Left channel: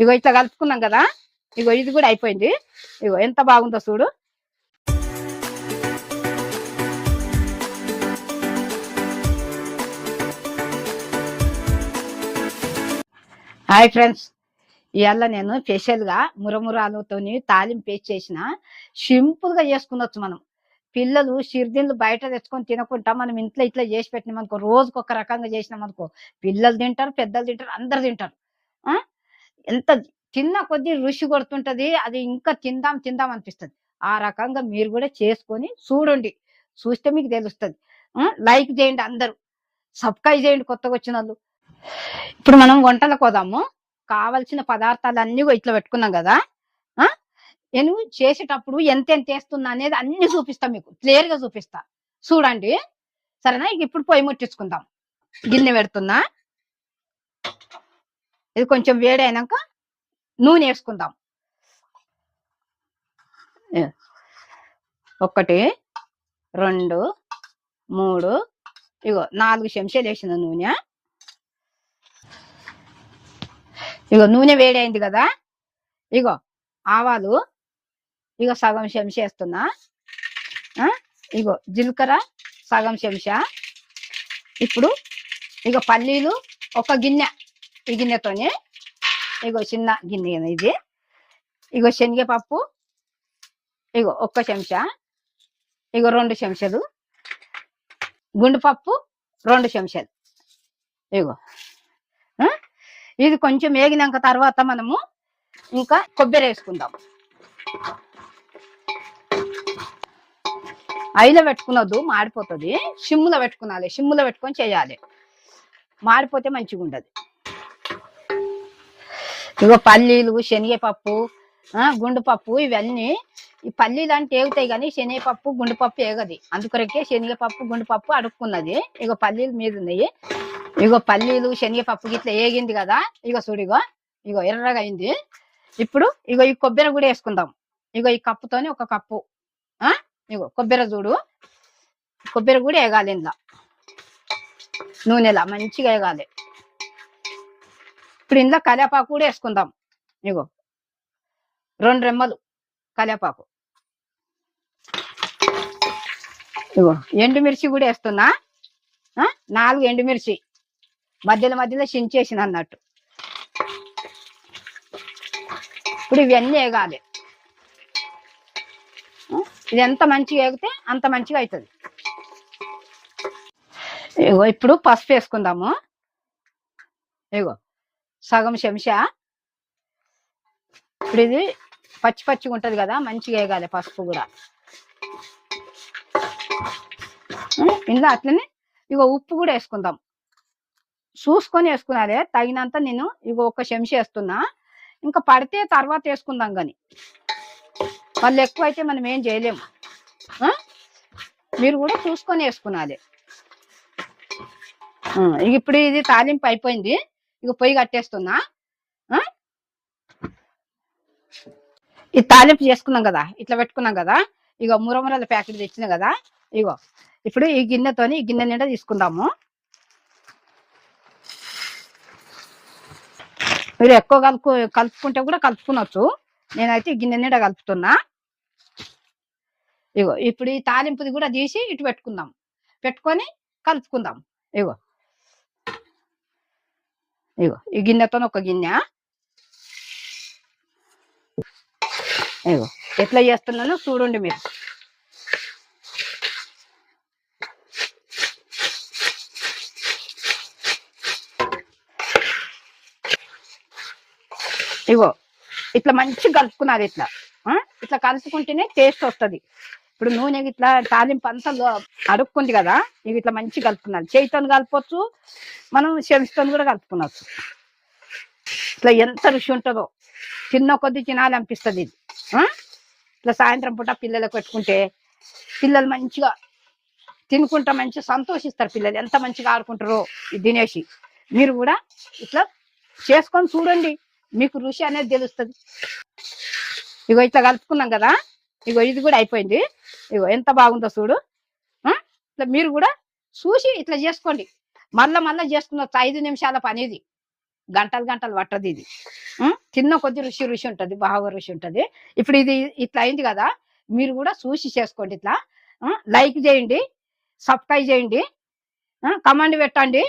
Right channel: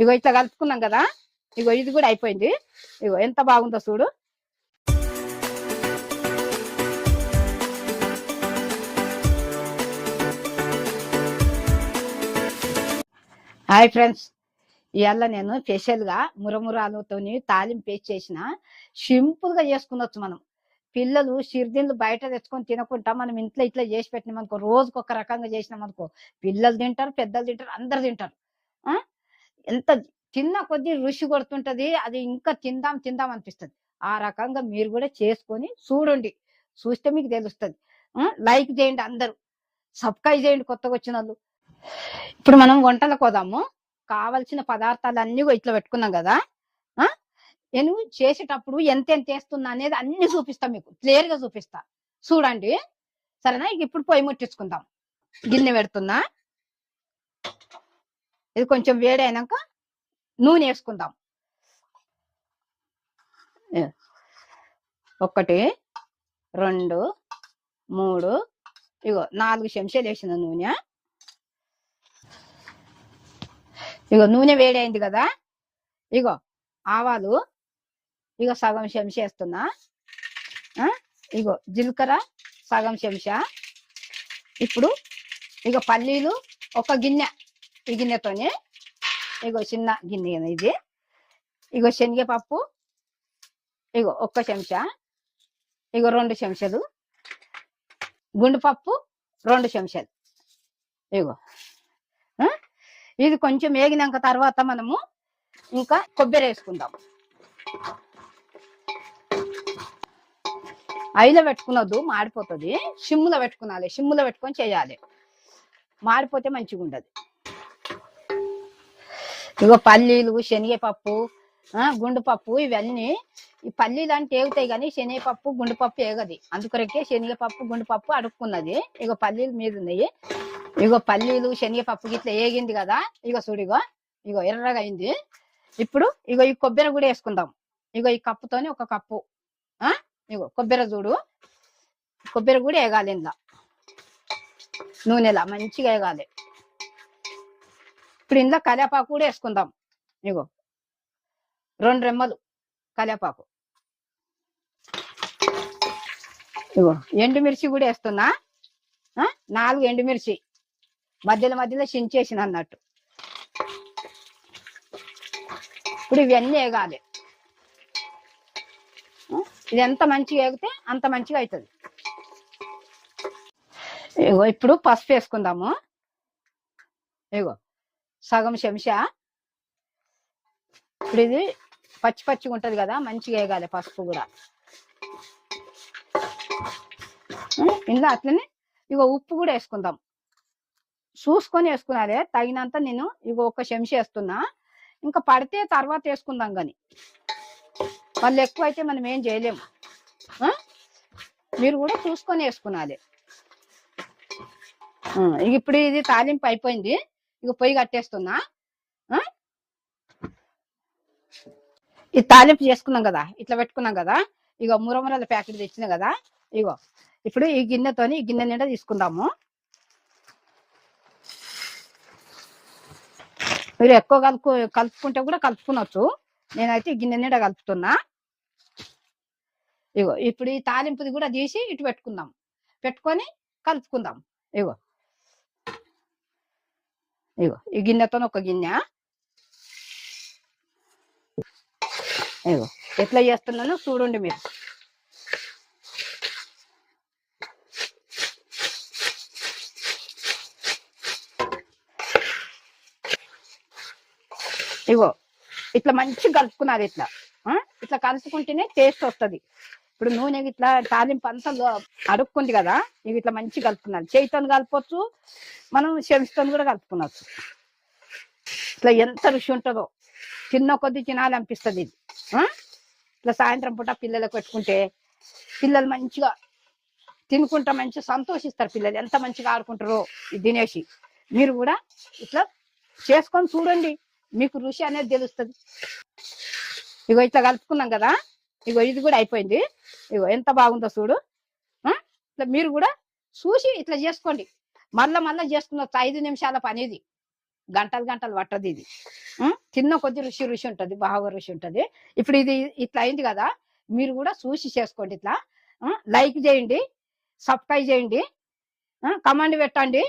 ఇగో ఇట్లా కలుపుకున్నాం కదా, ఇగో ఇది కూడా అయిపోయింది. ఇగో ఎంత బాగుందో చూడు. హాయ్ ఫ్రెండ్స్, ఇవాళ నేను స్పెషల్గా మురమురాలతో తాలింపు పేస్ట్ చేసిన సింపుల్గా చేసుకునొచ్చు. మనం పిల్లలు సిరిదిండ్లు బయట తెచ్చుకొని తినకుండా మనం ఇంట్లో ఇట్లా చేసి పెట్టినాం అనుకో, రోజుకు ఒక రకంగా చేసినాం అనుకో, పిల్లలు తింటారు, పెద్దలు తింటారు, అందరు తింటారు. ఎంత తిన్న కొద్దీ రుచి కొడుతుంటది, అది ఇంకా తిందాం తిందాం అనిపిస్తుంది. ఆ రకంగా మీరు కూడా చేసుకొని చూడండి, చూస్తే మీకు తెలుస్తుంది. లైక్ చేయండి, అందరూ సబ్స్క్రైబ్ చేయండి కొత్తగా వచ్చిన వాళ్ళు. ఇప్పుడు మనం వంటలకు పోదాము. కావలసిన పదార్థాలన్నీ ఇట్లా పెట్టుకున్నాం కదా. నేను చేసేటప్పుడు ఎంత వేస్తున్నా అనేది అన్ని చూపిస్తా, మీకు క్లియర్ గా చూపిస్తా, చూడండి సరేనా. ఇప్పుడు పొయ్యి ముట్టించుకుందాం. గిన్నె పెడుతున్నా, ఇది కొంచెం వేడి అయినాక నూనె వేసుకుందాం. 1 2 3 ఇగో 4 చెంచాలు వేసిన నూనె. ఇగో నూనె వేడి అయింది కదా. ఇగో ఆవాలు ఇగో సగం చెంచా వేస్తున్నా. ఇగో జీలకర్ర సగం చెంచా. ఇప్పుడు ఇగో పల్లీలు ఒక గిన్నె, ఈ గిన్నెతోనే ఇగో చిన్న గిన్నె ఇది. ఇగో శనగపప్పు ఇగో 1 చెంచా. ఇగో 2 చెంచాలు గుండుపప్పు, 2 చెంచాలు. ఇగో ఇది కొంచెం వేగినాక తర్వాత మనము ఇంకా కొబ్బరి వేసుకుందాం. ఐలో పెట్టుకున్నద్దు, మాడిపోతుంది. సిమ్ములో పెట్టుకునాలి, సిమ్ములో పెట్టుకొని చేయాలి, మాడిపోతే మంచిగా ఉండదు. ఇగో పల్లీలు, శనగపప్పు, గుండుపప్పు ఇవన్నీ. ఈ పల్లీలు అంటే ఏగుతాయి కానీ శనగపప్పు గుండుపప్పు ఏగది, అందుకొరకే శనగపప్పు గుండుపప్పు అడుక్కున్నది. ఇగో పల్లీలు మీద ఉన్నాయి. ఇగో పల్లీలు శనగపప్పు ఇట్లా ఏగింది కదా. ఇగో చూడిగో ఇగో ఎర్రగా అయింది. ఇప్పుడు ఇగో ఈ కొబ్బరి కూడా వేసుకుందాం. ఇగో ఈ కప్పుతోని 1 కప్పు. ఇగో కొబ్బరి చూడు, కొబ్బరి కూడా వేగాలి ఇందులో, నూనెలా మంచిగా వేగాలి. ఇప్పుడు ఇందులో కరివేపాకు కూడా వేసుకుందాం. ఇగో 2 రెమ్మలు కరివేపాకు. ఇగో ఎండుమిర్చి కూడా వేస్తున్నా, 4 ఎండుమిర్చి మధ్యలో మధ్యలో చించేసిన అన్నట్టు. ఇప్పుడు ఇవన్నీ వేగాలి. ఇది ఎంత మంచిగా వేగితే అంత మంచిగా అవుతుంది. ఇగో ఇప్పుడు పసుపు వేసుకుందాము. ఇగో సగం చెంచా. ఇప్పుడు ఇది పచ్చి పచ్చిగా ఉంటుంది కదా, మంచిగా వేగాలి పసుపు కూడా. ఇందులో అట్లనే ఇగో ఉప్పు కూడా వేసుకుందాం, చూసుకొని వేసుకున్నారే తగినంత. నేను ఇగో 1 చెంచా వేస్తున్నా, ఇంకా పడితే తర్వాత వేసుకుందాం. కానీ వాళ్ళు ఎక్కువ అయితే మనం ఏం చేయలేము, మీరు కూడా చూసుకొని వేసుకున్నాలి. ఇప్పుడు ఇది తాలింపు అయిపోయింది. ఇక పొయ్యి కట్టేస్తున్నా. ఈ తాలింపు చేసుకున్నాం కదా, ఇట్లా పెట్టుకున్నాం కదా. ఇగో మురమురల ప్యాకెట్ తెచ్చిన కదా. ఇగో ఇప్పుడు ఈ గిన్నెతోని ఈ గిన్నె నిండా తీసుకుందాము. మీరు ఎక్కువ కలుపుకుంటే కూడా కలుపుకునొచ్చు, నేనైతే ఈ గిన్నె నిండా కలుపుతున్నా. ఇగో ఇప్పుడు ఈ తాలింపుది కూడా తీసి ఇటు పెట్టుకుందాం, పెట్టుకొని కలుపుకుందాం. ఇగో ఇగో ఈ గిన్నెతో 1 గిన్నె. ఇగో ఎట్లా చేస్తున్నానో చూడండి మీరు. ఇగో ఇట్లా మంచిగా కలుపుకున్నారు. ఇట్లా ఇట్లా కలుపుకుంటేనే టేస్ట్ వస్తుంది. ఇప్పుడు నూనె ఇట్లా తాలింపు అంతా అడుక్కుంది కదా, ఇవి ఇట్లా మంచిగా కలుపుకున్నారు. చేయితో కలపచ్చు, మనం చెంచుతో కూడా కలుపుకునవచ్చు. ఇట్లా ఎంత రుచి ఉంటుందో, తిన్న కొద్ది తినాలనిపిస్తుంది ఇది. ఇట్లా సాయంత్రం పూట పిల్లలకు పెట్టుకుంటే పిల్లలు మంచిగా తినుకుంటా మంచిగా సంతోషిస్తారు. పిల్లలు ఎంత మంచిగా ఆడుకుంటారో తినేసి. మీరు కూడా ఇట్లా చేసుకొని చూడండి, మీకు రుచి అనేది తెలుస్తుంది. ఇగో ఇట్లా కలుపుకున్నాం కదా. ఇగో ఇది కూడా అయిపోయింది. ఇగో ఎంత బాగుందో చూడు. ఇట్లా మీరు కూడా చూసి ఇట్లా చేసుకోండి. మళ్ళా చేసుకున్న 5 నిమిషాల పని ఇది, గంటలు గంటలు పట్టదు ఇది. తిన్న కొద్ది రుచి రుచి ఉంటది. బాగా రుచి ఉంటది. ఇప్పుడు ఇది ఇట్లా అయింది గదా! మీరు గూడా చూసి చేసుకోండి ఇట్లా. లైక్ జేయండి, సబ్స్క్రైబ్ జేయండి, కామెంట్ పెట్టండి.